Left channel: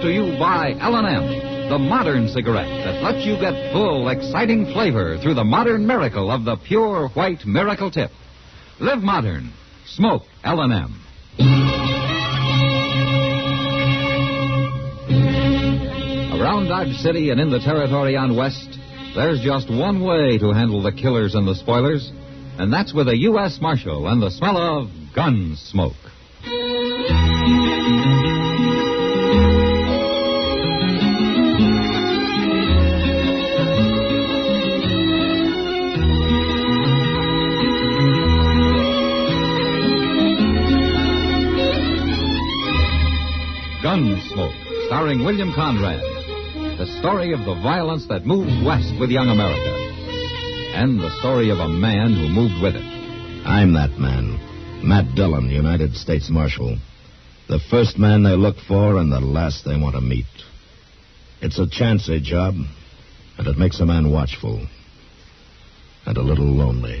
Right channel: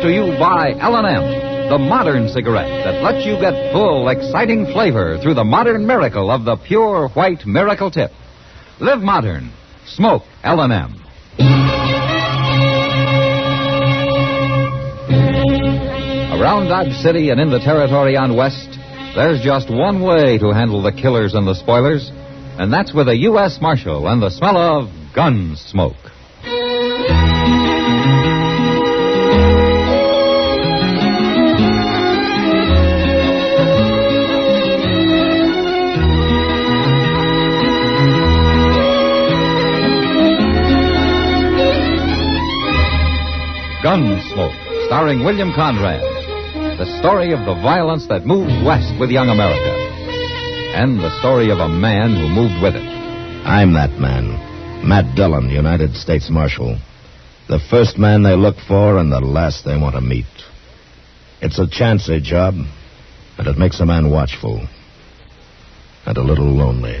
brought to you by L&M, the modern cigarette that lets you get full, exciting flavor through the modern miracle of the pure white Miracle Tip. Live modern. Smoke L&M. Around Dodge City and in the territory on West, there's just one way to handle the killers and the spoilers, and that's with a U.S. Marshal and the smell of Gunsmoke. Gunsmoke, starring William Conrad. The story of the violence that moved west with young America. And the story of a man who moved with it. I'm that man. Matt Dillon, United States Marshal. The first man they look for and the last they want to meet. It's a chancy job, and it makes a man watchful. And a little lonely.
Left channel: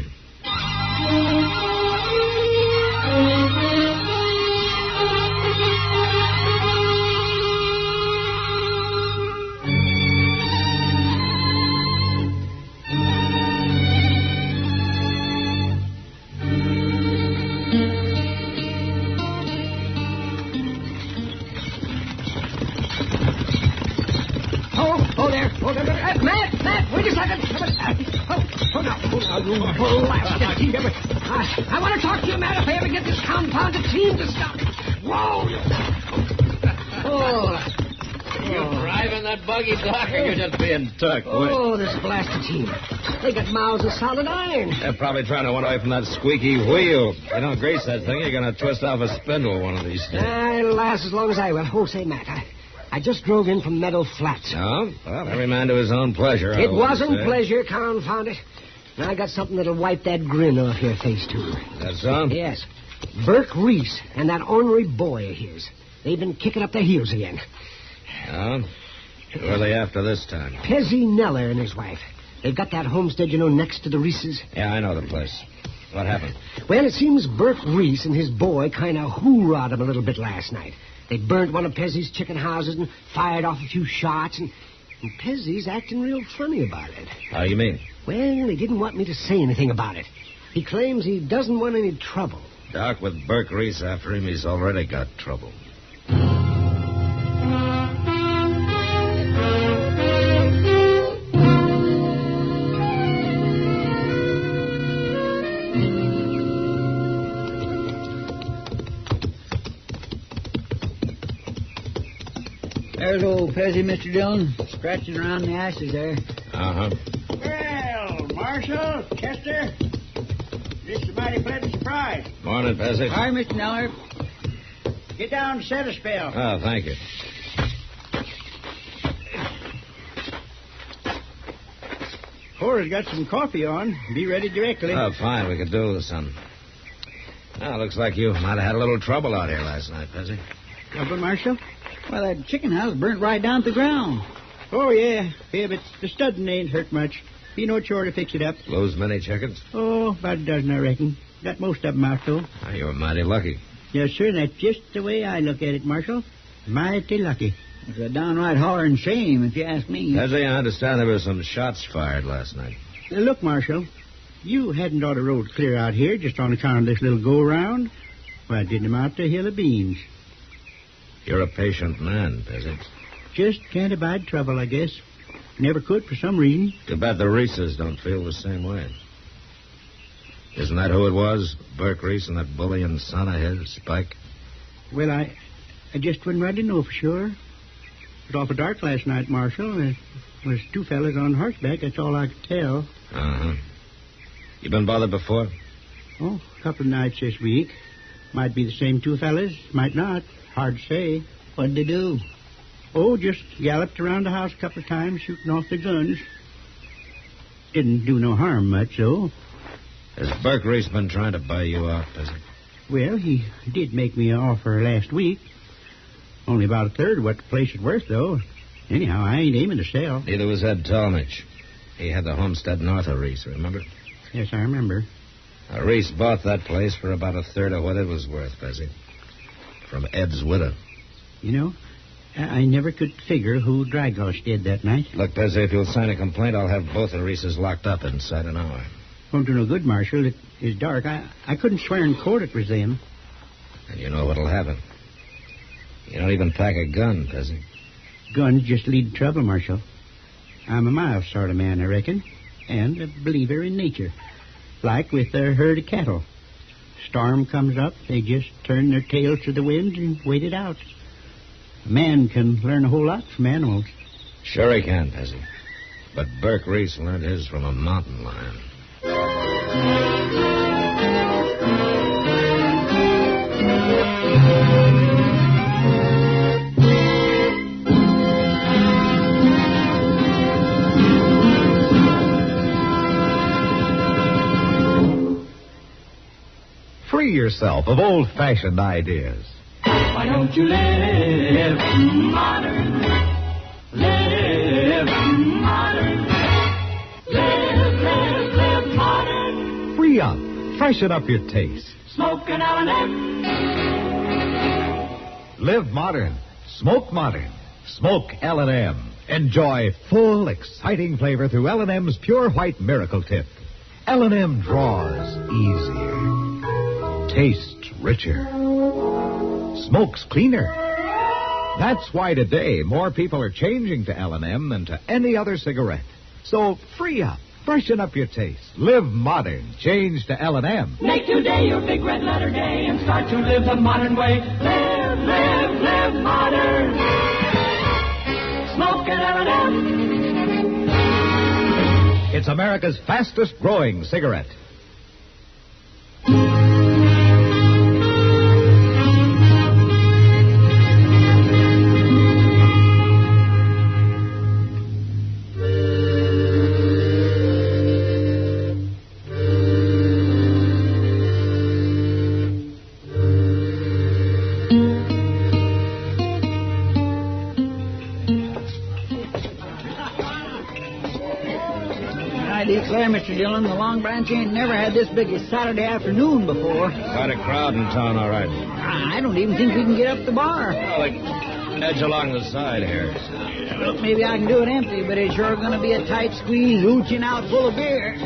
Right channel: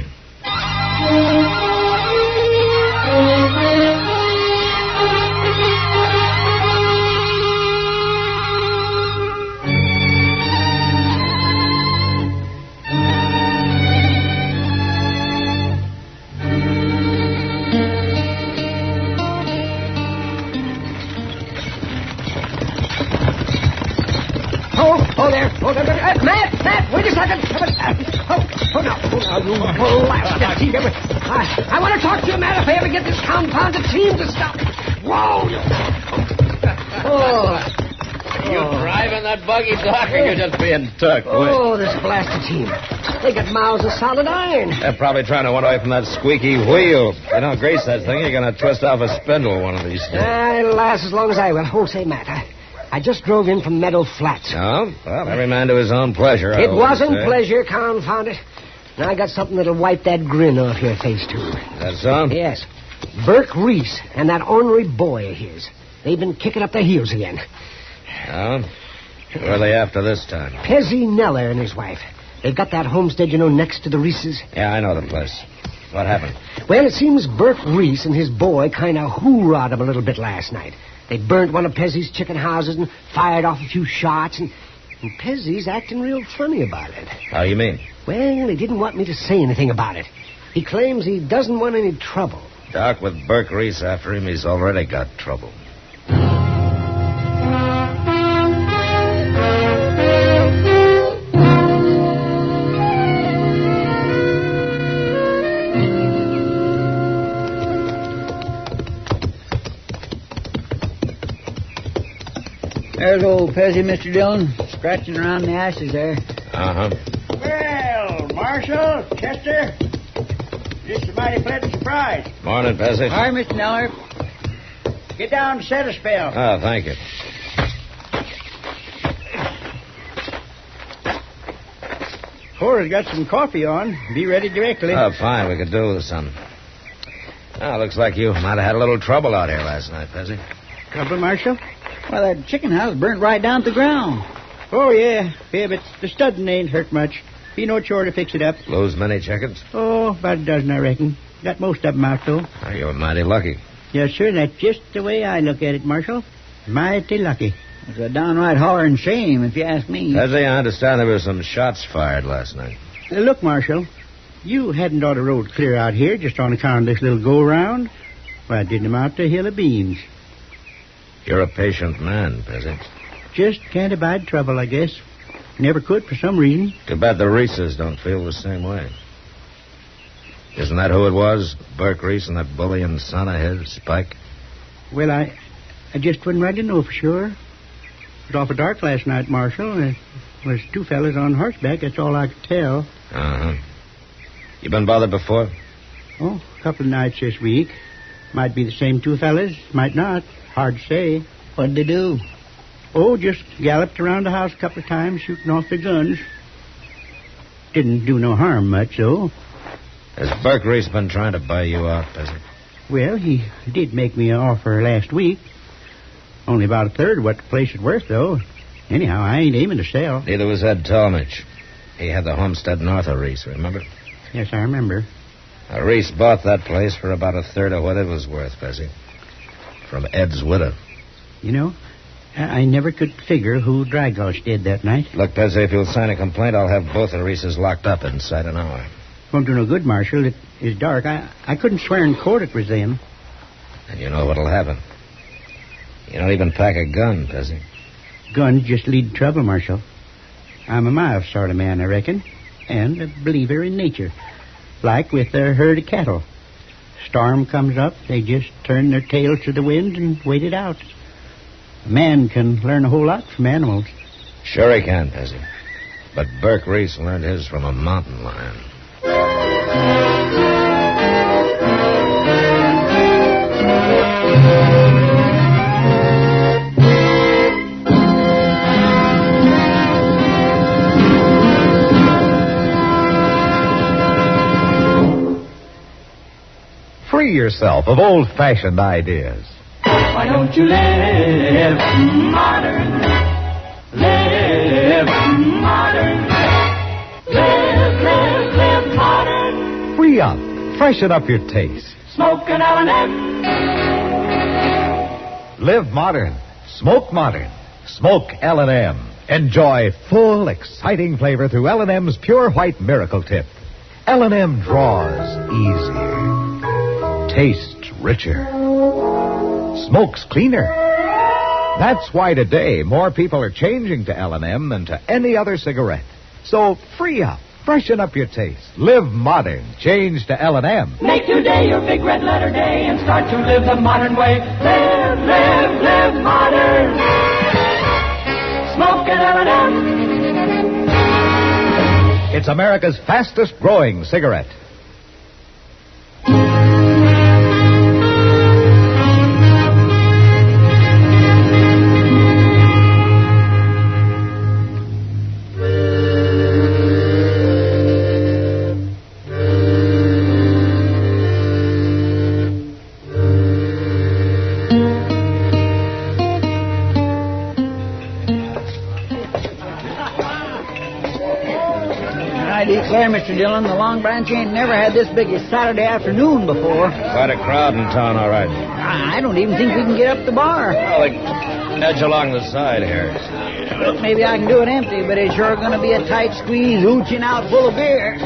Matt, wait a second. Now, you blasted team. I want to talk to you, Matt, if I ever get this confounded team to stop. Whoa! You driving that buggy, Doc, or you just being tucked? Oh, this blasted team. They got mouths of solid iron. They're probably trying to run away from that squeaky wheel. You don't grease that thing, you're going to twist off a spindle one of these days. It'll last as long as I will. Oh, say, Matt, I just drove in from Meadow Flats. Oh? Well, every man to his own pleasure. It wasn't pleasure, confound it. Now I got something that'll wipe that grin off your face, too. That's so? Yes. Burke Reese and that ornery boy of his. They've been kicking up their heels again. Oh? Who are they after this time? Pezzy Neller and his wife. They've got that homestead, next to the Reeses. Yeah, I know the place. What happened? Well, it seems Burke Reese and his boy kind of hoorah'd him a little bit last night. They burnt one of Pezzy's chicken houses and fired off a few shots, and Pezzy's acting real funny about it. How you mean? Well, he didn't want me to say anything about it. He claims he doesn't want any trouble. Doc, with Burke Reese after him, he's already got trouble. There's old Pezzy, Mr. Dillon, scratching around the ashes there. Uh-huh. Well, Marshal, Chester, just a mighty pleasant surprise. Morning, Pezzy. Hi, Mr. Neller. Get down and set a spell. Oh, thank you. Cora's got some coffee on. Be ready directly. Oh, fine. We could do with some. Oh, looks like you might have had a little trouble out here last night, Pezzy. Trouble, Marshal? Well, that chicken house burnt right down to the ground. Oh, yeah. Yeah, but the studding ain't hurt much. Be no chore to fix it up. Lose many chickens? Oh, about a dozen, I reckon. Got most of them out, though. Oh, you were mighty lucky. Yes, sir. That's just the way I look at it, Marshal. Mighty lucky. It's a downright hollering shame, if you ask me. Pezzy, I understand there were some shots fired last night. Look, Marshal, you hadn't ought to rode clear out here just on account of this little go-around. Why, it didn't amount to a hill of beans. You're a patient man, Pezzy. Just can't abide trouble, I guess. Never could for some reason. Too bad the Reeses don't feel the same way. Isn't that who it was? Burke Reese and that bullying son of his, Spike? Well, I just wouldn't rightly know for sure. It was awful dark last night, Marshal. There was two fellas on horseback. That's all I could tell. Uh-huh. You been bothered before? Oh, a couple of nights this week. Might be the same two fellas, might not. Hard to say. What'd they do? Oh, just galloped around the house a couple of times, shooting off their guns. Didn't do no harm much, though. Has Burke Reese been trying to buy you out, Pezzy? Well, he did make me an offer last week. Only about a third of what the place is worth, though. Anyhow, I ain't aiming to sell. Neither was Ed Talmadge. He had the homestead north of Reese, remember? Yes, I remember. Reese bought that place for about a third of what it was worth, Pezzy. From Ed's widow. You know, I never could figure who Dragos did that night. Look, Pezzy, if you'll sign a complaint, I'll have both of Reese's locked up inside an hour. Won't do no good, Marshal. It is dark. I couldn't swear in court it was them. And you know what'll happen. You don't even pack a gun, Pezzy. Guns just lead to trouble, Marshal. I'm a mild sort of man, I reckon, and a believer in nature. Like with a herd of cattle. Storm comes up, they just turn their tails to the wind and wait it out. A man can learn a whole lot from animals. Sure he can, Pezzy. But Burke Reese learned his from a mountain lion. Free yourself of old-fashioned ideas. Why don't you live modern? Live modern. Live modern. Free up. Freshen up your taste. Smoke an L&M. Live modern. Smoke modern. Smoke L&M. Enjoy full, exciting flavor through L&M's Pure White Miracle Tip. L&M draws easier. Tastes richer. Smokes cleaner. That's why today more people are changing to L&M than to any other cigarette. So free up. Freshen up your taste. Live modern. Change to L&M. Make today your big red letter day and start to live the modern way. Live modern. Smoke an L&M. It's America's fastest growing cigarette. I declare, Mr. Dillon, the Long Branch ain't never had this big a Saturday afternoon before. Quite a crowd in town, all right. I don't even think we can get up the bar. Well, they edge along the side here. Look, maybe I can do it empty, but it's sure going to be a tight squeeze, ooching out full of beer.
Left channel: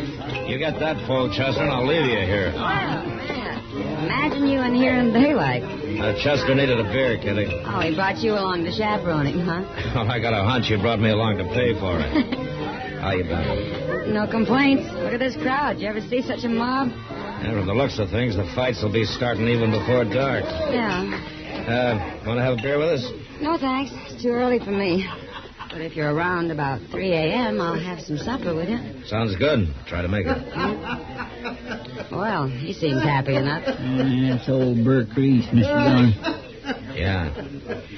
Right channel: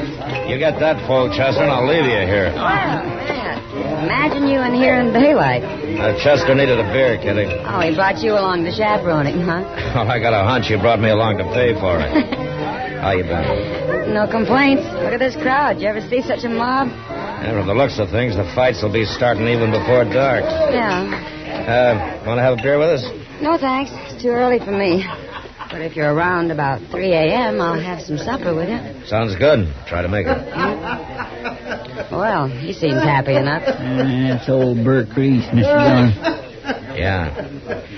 You get that full, Chester, and I'll leave you here. Oh, man. Imagine you in here in daylight. Chester needed a beer, Kitty. Oh, he brought you along to chaperone him, huh? Oh, I got a hunch you brought me along to pay for it. How you been? No complaints. Look at this crowd. You ever see such a mob? Yeah, from the looks of things, the fights will be starting even before dark. Yeah. Want to have a beer with us? No, thanks. It's too early for me. But if you're around about 3 a.m., I'll have some supper with you. Sounds good. Try to make it. Well, he seems happy enough. That's old Burke Reese, Mr. Dillon. Yeah.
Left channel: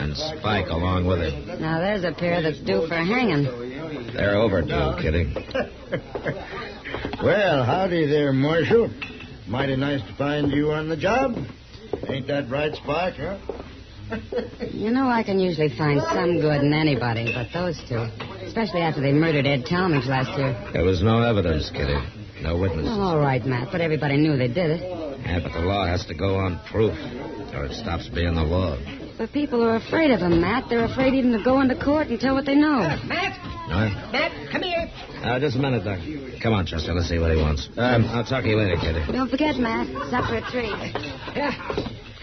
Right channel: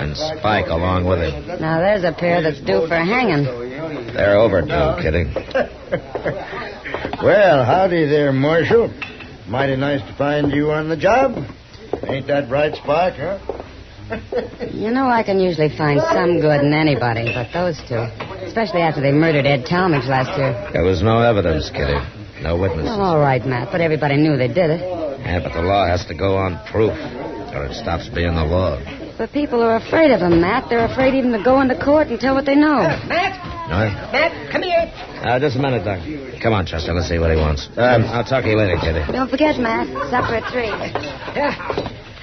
And Spike along with him. Now, there's a pair that's due for hanging. They're overdue, Kitty. Well, howdy there, Marshal. Mighty nice to find you on the job. Ain't that right, Spike, huh? You know, I can usually find some good in anybody, but those two. Especially after they murdered Ed Talmadge last year. There was no evidence, Kitty. No witnesses. Well, all right, Matt, but everybody knew they did it. Yeah, but the law has to go on proof, or it stops being the law. But people are afraid of them, Matt. They're afraid even to go into court and tell what they know. Matt? No? Matt, come here. Just a minute, Doc. Come on, Chester. Let's see what he wants. I'll talk to you later, Kitty. Don't forget, Matt. Supper at 3.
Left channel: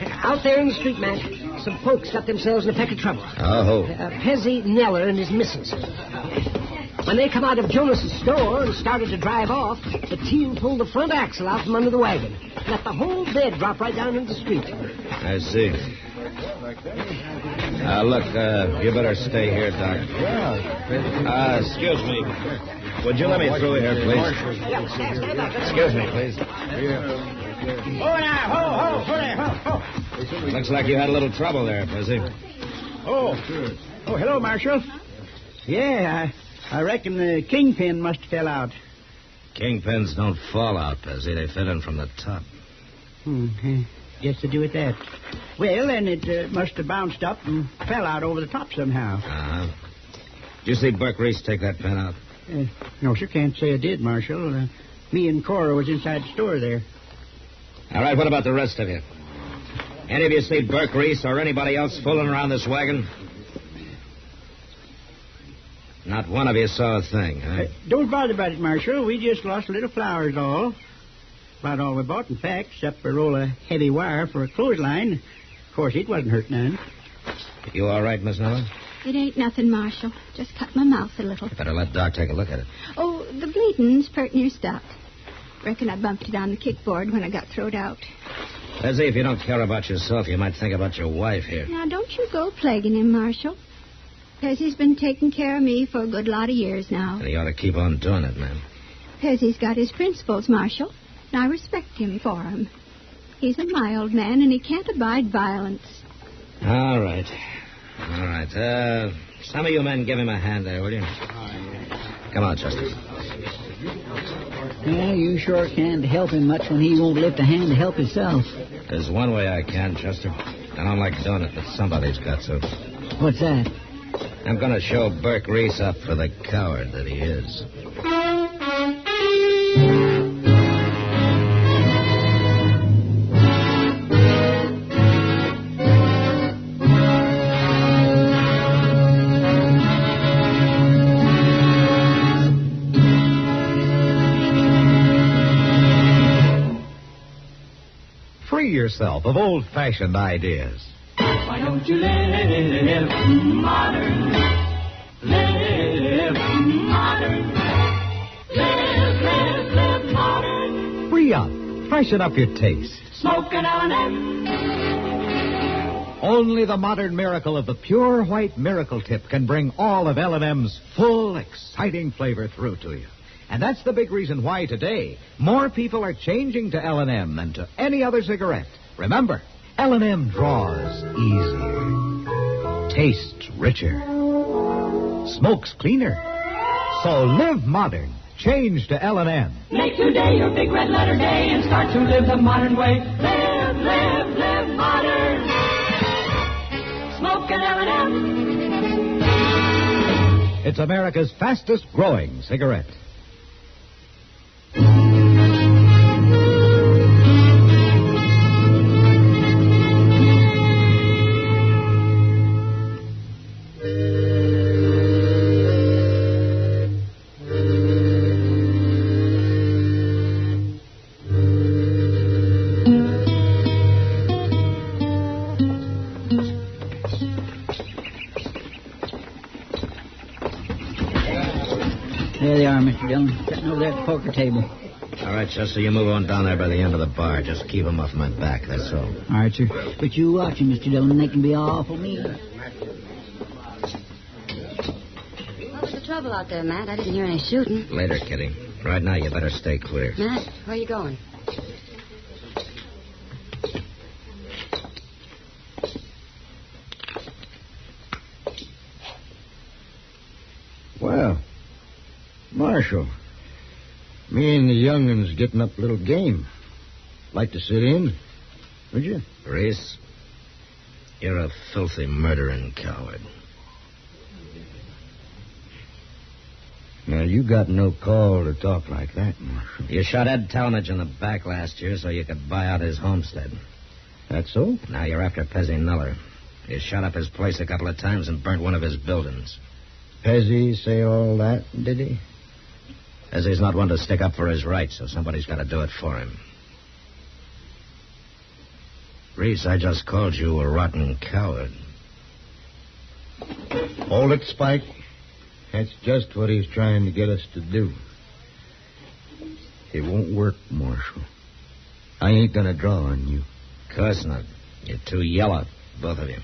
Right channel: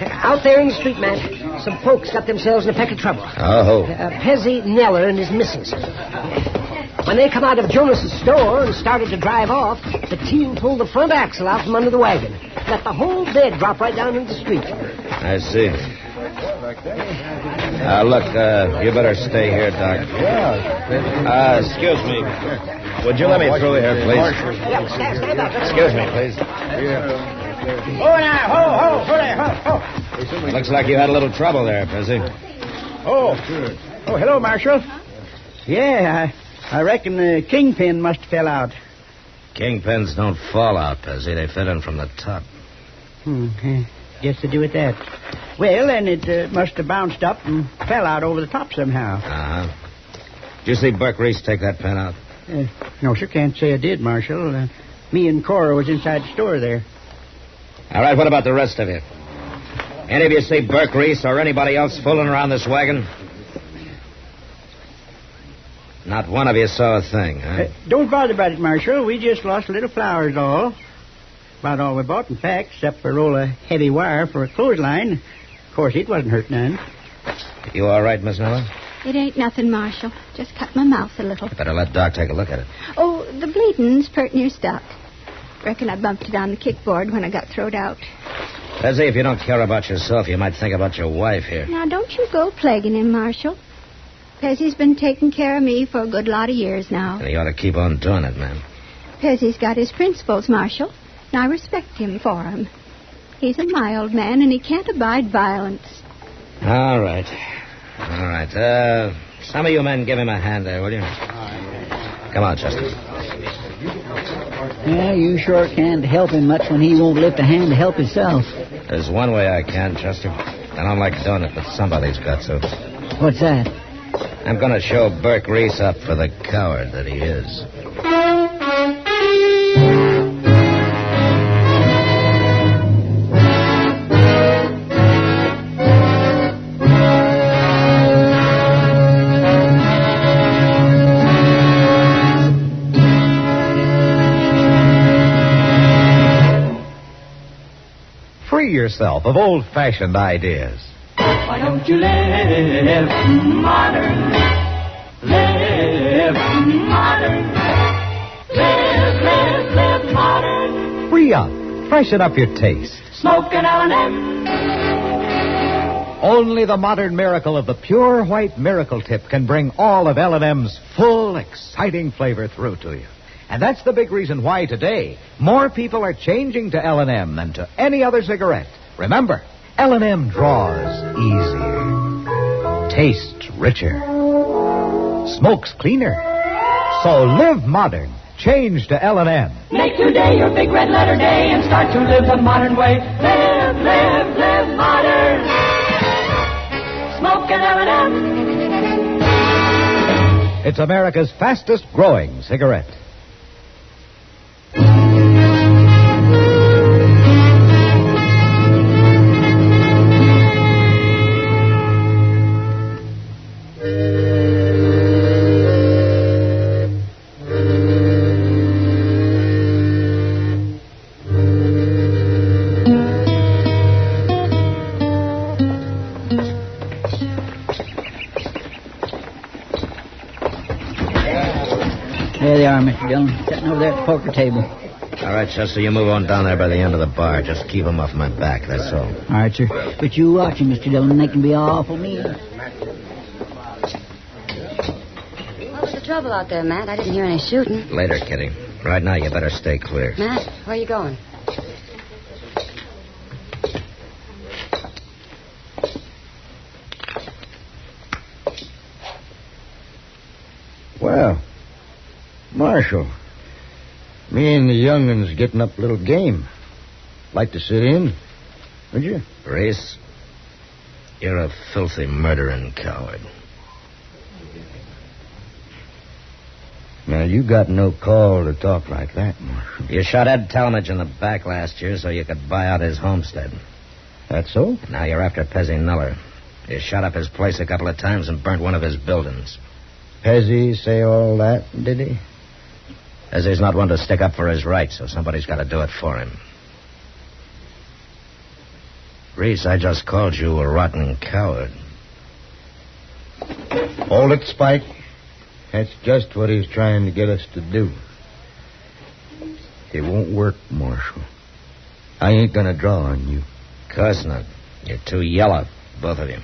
Out there in the street, Matt, some folks got themselves in a peck of trouble. Oh. Pezzy Neller and his missus. When they come out of Jonas's store and started to drive off, the team pulled the front axle out from under the wagon. Let the whole bed drop right down into the street. I see. Look, you better stay here, Doc. Excuse me. Would you let me through here, please? Yeah, stand up. Excuse me, please. Oh, now, ho. Looks like you had a little trouble there, Pezzy. Oh, hello, Marshal. Yeah, I reckon the kingpin must have fell out. Kingpins don't fall out, Pezzy. They fit in from the top. Guess to do with that. Well, then it must have bounced up and fell out over the top somehow. Uh-huh. Did you see Burke Reese take that pen out? No, sir, can't say I did, Marshal. Me and Cora was inside the store there. All right, what about the rest of you? Any of you see Burke Reese or anybody else fooling around this wagon? Not one of you saw a thing, huh? Don't bother about it, Marshal. We just lost a little flowers, all. About all we bought, in fact, except for a roll of heavy wire for a clothesline. Of course, it wasn't hurt none. You all right, Miss Noah? It ain't nothing, Marshal. Just cut my mouth a little. You better let Doc take a look at it. Oh, the bleeding's pert near stuck. Reckon I bumped it on the kickboard when I got throwed out. Leslie, if you don't care about yourself, you might think about your wife here. Now, don't you go plaguing him, Marshal. Pezzy's been taking care of me for a good lot of years now. And he ought to keep on doing it, man. Pezzy's got his principles, Marshal, and I respect him for 'em. He's a mild man, and he can't abide violence. All right. All right. Some of you men give him a hand there, will you? Come on, Chester. Yeah, you sure can't help him much when he won't lift a hand to help himself. There's one way I can, Chester. I don't like doing it, but somebody's got to. What's that? I'm going to show Burke Reese up for the coward that he is. Free yourself of old-fashioned ideas. Why don't you live modern? Live modern. Live modern. Free up. Freshen up your taste. Smoke an L&M. Only the modern miracle of the pure white miracle tip can bring all of L&M's full, exciting flavor through to you. And that's the big reason why today more people are changing to L&M than to any other cigarette. Remember, L&M draws easier, tastes richer, smokes cleaner. So live modern. Change to L&M. Make today your big red letter day and start to live the modern way. Live modern. Smoke an L&M. It's America's fastest growing cigarette. There they are, Mr. Dillon, sitting over there at the poker table. All right, Chester, you move on down there by the end of the bar. Just keep them off my back, that's all. All right, sir. But you watch them, Mr. Dillon. They can be awful mean. What was the trouble out there, Matt? I didn't hear any shooting. Later, Kitty. Right now, you better stay clear. Matt, where are you going? Well, Marshal, me and the youngun's getting up a little game. Like to sit in, would you? Reese, you're a filthy murdering coward. Now, you got no call to talk like that, Marshal. You shot Ed Talmadge in the back last year so you could buy out his homestead. That so? Now you're after Pezzy Nuller. You shot up his place a couple of times and burnt one of his buildings. Pezzy say all that, did he? Pezzy's not one to stick up for his rights, so somebody's got to do it for him. Reese, I just called you a rotten coward. Hold it, Spike. That's just what he's trying to get us to do. It won't work, Marshal. I ain't gonna draw on you. Of course not. You're too yellow, both of you.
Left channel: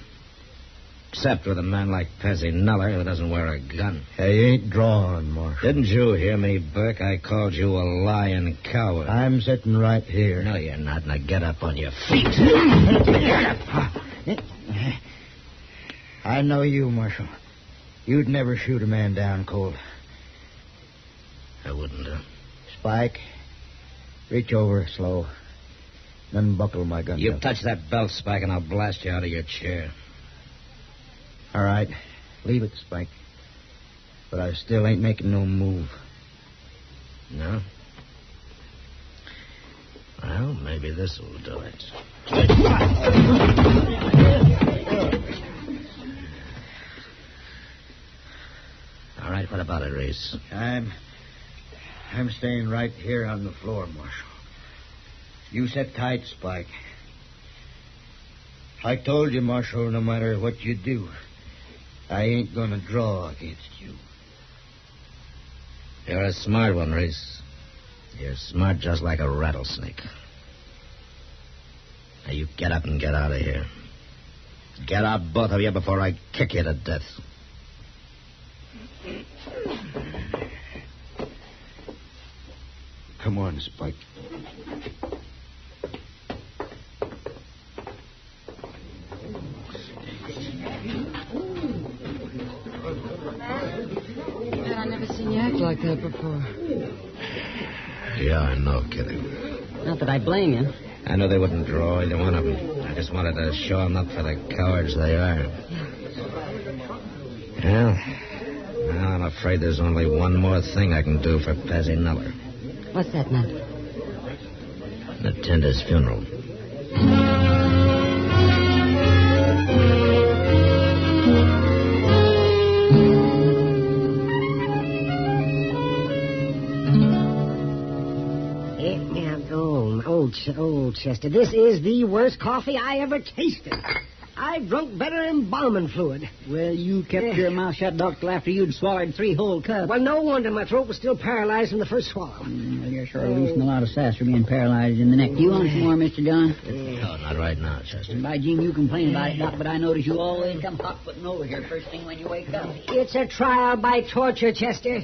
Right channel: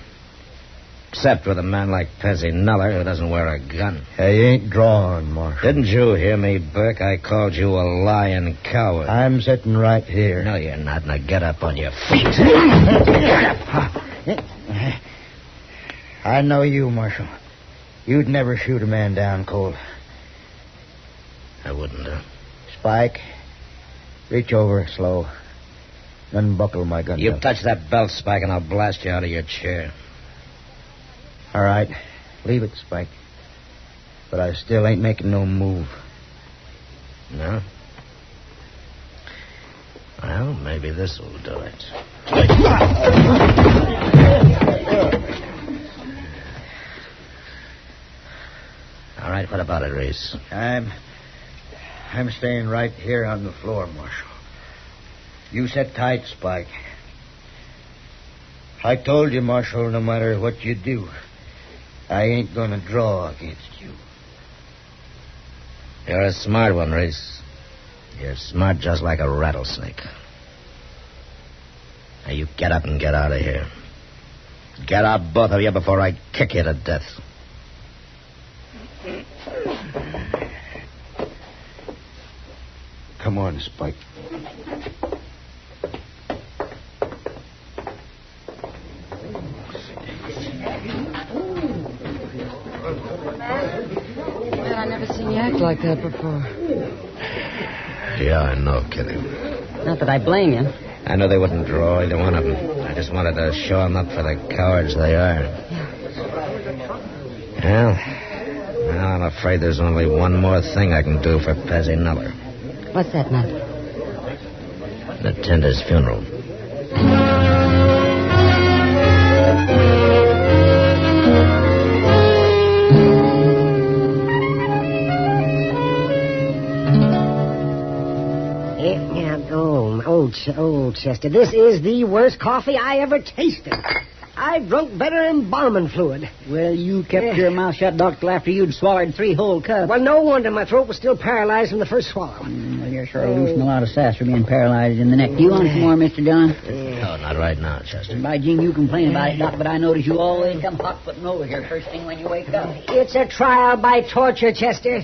Except with a man like Pezzy Nuller who doesn't wear a gun. I ain't drawing, Marshal. Didn't you hear me, Burke? I called you a lying coward. I'm sitting right here. No, you're not. Now get up on your feet. I know you, Marshal. You'd never shoot a man down cold. I wouldn't, Spike, reach over slow. Unbuckle my gun. You touch that belt, Spike, and I'll blast you out of your chair. All right. Leave it, Spike. But I still ain't making no move. No? Well, maybe this will do it. All right, right. What about it, Reese? I'm staying right here on the floor, Marshal. You sit tight, Spike. I told you, Marshal, no matter what you do, I ain't gonna draw against you. You're a smart one, Reese. You're smart just like a rattlesnake. Now you get up and get out of here. Get out, both of you, before I kick you to death. Come on, Spike. Man, I never seen you act like that before. Yeah, I know, Kitty. Not that I blame you. I know they wouldn't draw either one of them. I just wanted to show them up for the cowards they are. Well, I'm afraid there's only one more thing I can do for Pezzy Nuller. What's that, Matt? Attend his funeral. Oh, Chester, this is the worst coffee I ever tasted. I drunk better embalming fluid. Well, you kept your mouth shut, Doctor, after you'd swallowed 3 whole cups. Well, no wonder my throat was still paralyzed from the first swallow. Well, you're sure losing a lot of sass for being paralyzed in the neck. Do you want some more, Mr. Dillon? No, not right now, Chester. By Jing, you complain about it, Doc, but I notice you always come hot-footing over here first thing when you wake up. It's a trial by torture, Chester.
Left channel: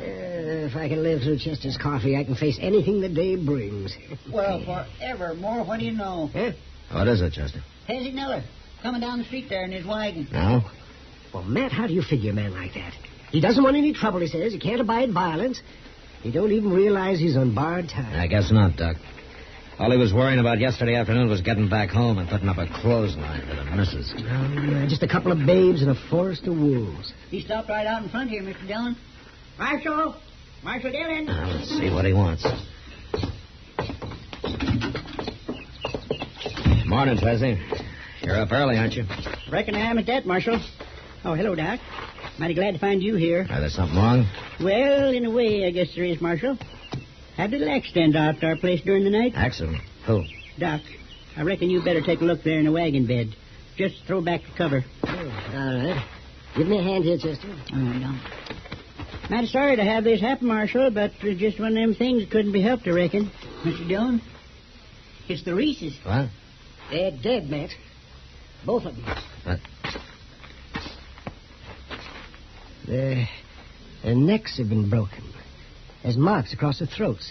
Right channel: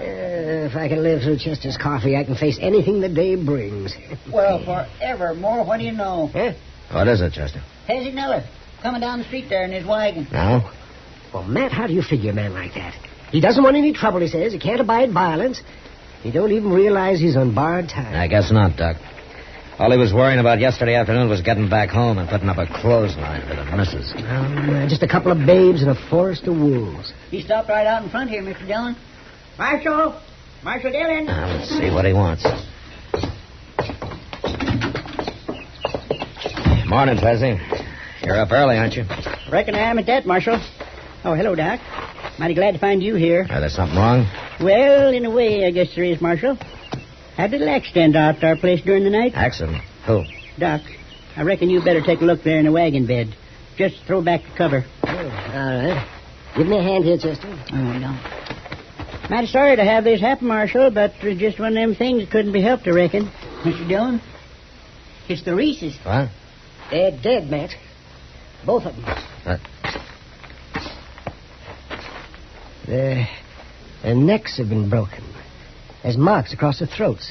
If I can live through Chester's coffee, I can face anything the day brings. Well, forevermore, what do you know? Huh? What is it, Chester? Pezzy Nuller, coming down the street there in his wagon. Now? Well, Matt, how do you figure a man like that? He doesn't want any trouble, he says. He can't abide violence. He don't even realize he's on borrowed time. I guess not, Doc. All he was worrying about yesterday afternoon was getting back home and putting up a clothesline for the missus. Just a couple of babes and a forest of wolves. He stopped right out in front here, Mr. Dillon. Marshal Dillon. Now, let's see what he wants. Morning, Pezzy. You're up early, aren't you? Reckon I am at that, Marshal. Oh, hello, Doc. Mighty glad to find you here. There's something wrong? Well, in a way, I guess there is, Marshal. Had a little accident out at our place during the night. Accident? Who? Doc, I reckon you better take a look there in the wagon bed. Just throw back the cover. Oh, all right. Give me a hand here, Chester. Oh, no. Mighty sorry to have this happen, Marshal, but just one of them things that couldn't be helped, I reckon. Mr. Dillon, it's the Reeses. What? They're dead, Matt. Both of them. Their necks have been broken. There's marks across their throats.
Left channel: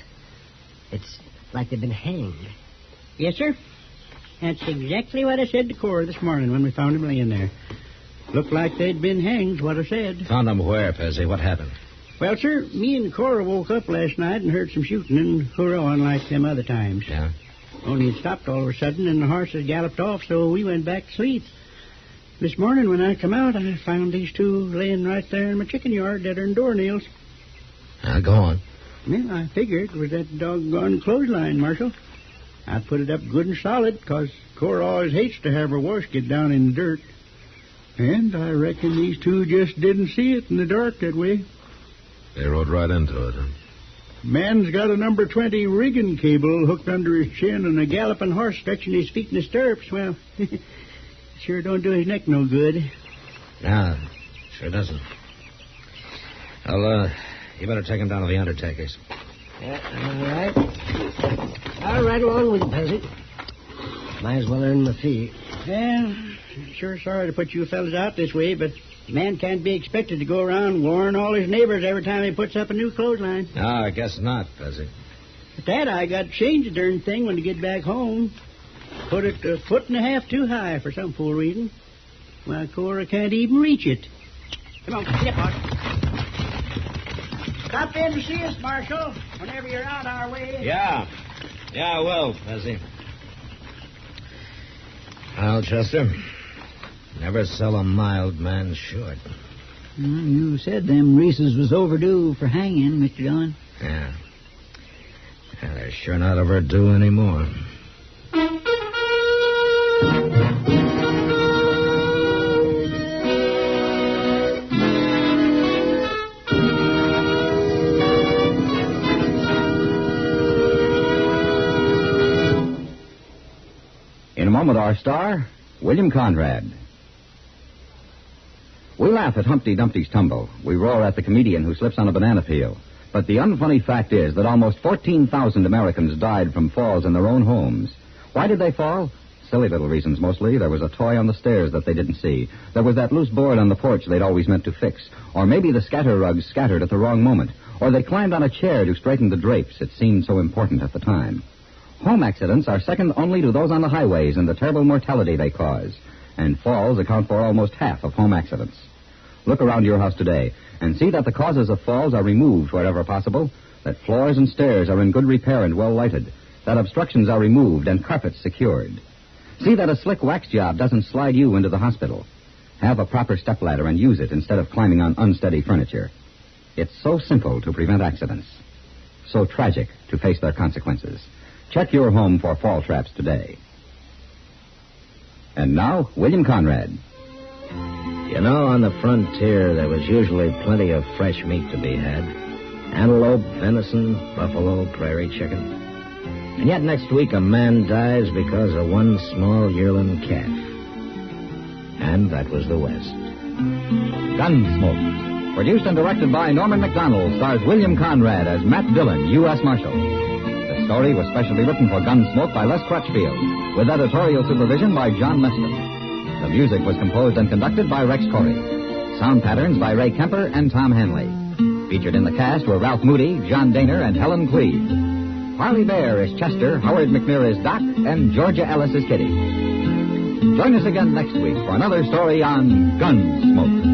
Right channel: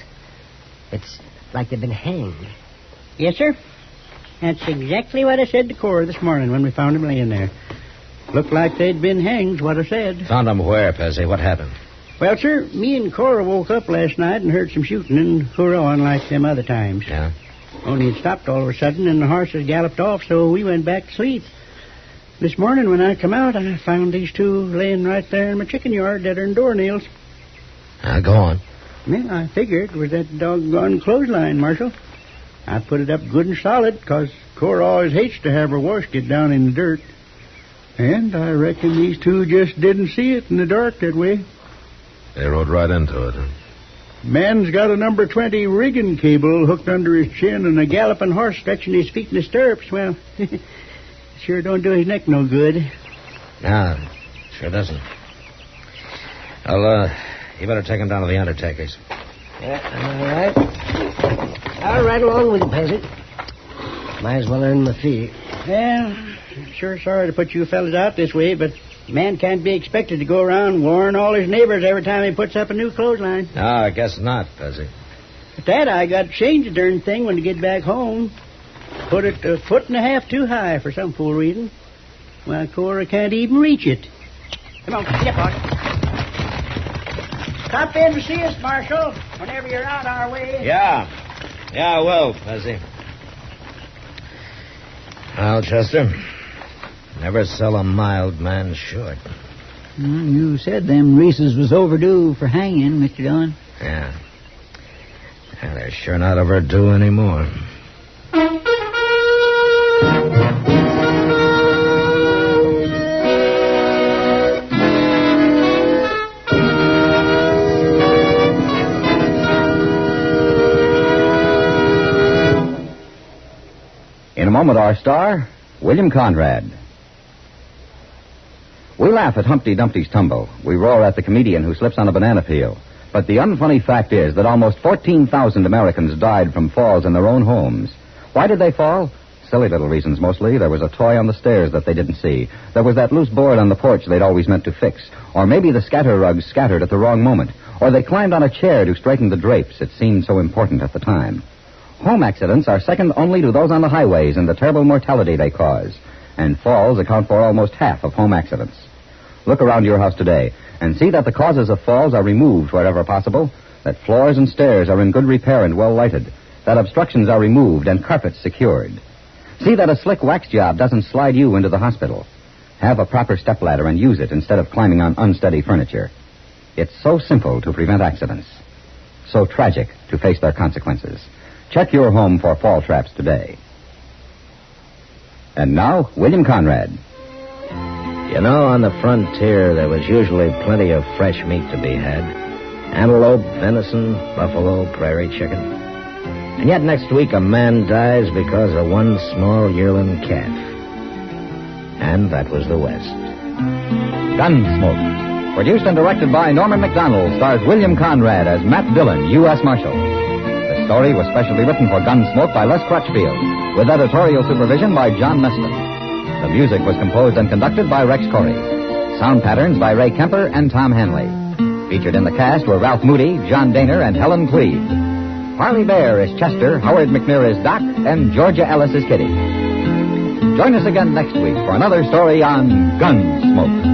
It's like they've been hanged. Yes, sir. That's exactly what I said to Cora this morning when we found him laying there. Looked like they'd been hanged, what I said. Found them where, Pezzy? What happened? Well, sir, me and Cora woke up last night and heard some shooting and hurrahing like them other times. Yeah? Only it stopped all of a sudden and the horses galloped off, so we went back to sleep. This morning when I come out, I found these two laying right there in my chicken yard, deader than doornails. Now, go on. Yeah, I figured it was that doggone clothesline, Marshal. I put it up good and solid, 'cause Cora always hates to have her wash get down in the dirt. And I reckon these two just didn't see it in the dark that way. They rode right into it, huh? Man's got a number 20 rigging cable hooked under his chin and a galloping horse stretching his feet in the stirrups. Well, sure don't do his neck no good. No, sure doesn't. Well, you better take him down to the undertaker's. Yeah, all right. I'll ride along with you, Pezzy. Might as well earn my fee. Well, sure sorry to put you fellas out this way, but a man can't be expected to go around warning all his neighbors every time he puts up a new clothesline. No, I guess not, Pezzy. At that, I got to change the darn thing when I get back home. Put it a foot and a half too high for some fool reason. Well, Cora can't even reach it. Come on, get up, boss. Stop in to see us, Marshal, whenever you're out our way. Yeah, I will, Pezzy. Well, Chester, never sell a mild man short. You said them Reeses was overdue for hanging, Mr. Dillon. Yeah. They're sure not overdue anymore. moment, our star, William Conrad. We laugh at Humpty Dumpty's tumble. We roar at the comedian who slips on a banana peel. But the unfunny fact is that almost 14,000 Americans died from falls in their own homes. Why did they fall? Silly little reasons, mostly. There was a toy on the stairs that they didn't see. There was that loose board on the porch they'd always meant to fix. Or maybe the scatter rugs scattered at the wrong moment. Or they climbed on a chair to straighten the drapes. It seemed so important at the time. Home accidents are second only to those on the highways and the terrible mortality they cause. And falls account for almost half of home accidents. Look around your house today and see that the causes of falls are removed wherever possible, that floors and stairs are in good repair and well lighted, that obstructions are removed and carpets secured. See that a slick wax job doesn't slide you into the hospital. Have a proper stepladder and use it instead of climbing on unsteady furniture. It's so simple to prevent accidents, so tragic to face their consequences. Check your home for fall traps today. And now, William Conrad. You know, on the frontier, there was usually plenty of fresh meat to be had. Antelope, venison, buffalo, prairie chicken. And yet next week a man dies because of one small yearling calf. And that was the West. Gunsmoke. Produced and directed by Norman MacDonnell, stars William Conrad as Matt Dillon, U.S. Marshal. The story was specially written for Gunsmoke by Les Crutchfield, with editorial supervision by John Meston. The music was composed and conducted by Rex Corey. Sound patterns by Ray Kemper and Tom Hanley. Featured in the cast were Ralph Moody, John Daner, and Helen Cleve. Parley Baer is Chester, Howard McNear is Doc, and Georgia Ellis is Kitty. Join us again next week for another story on Gunsmoke.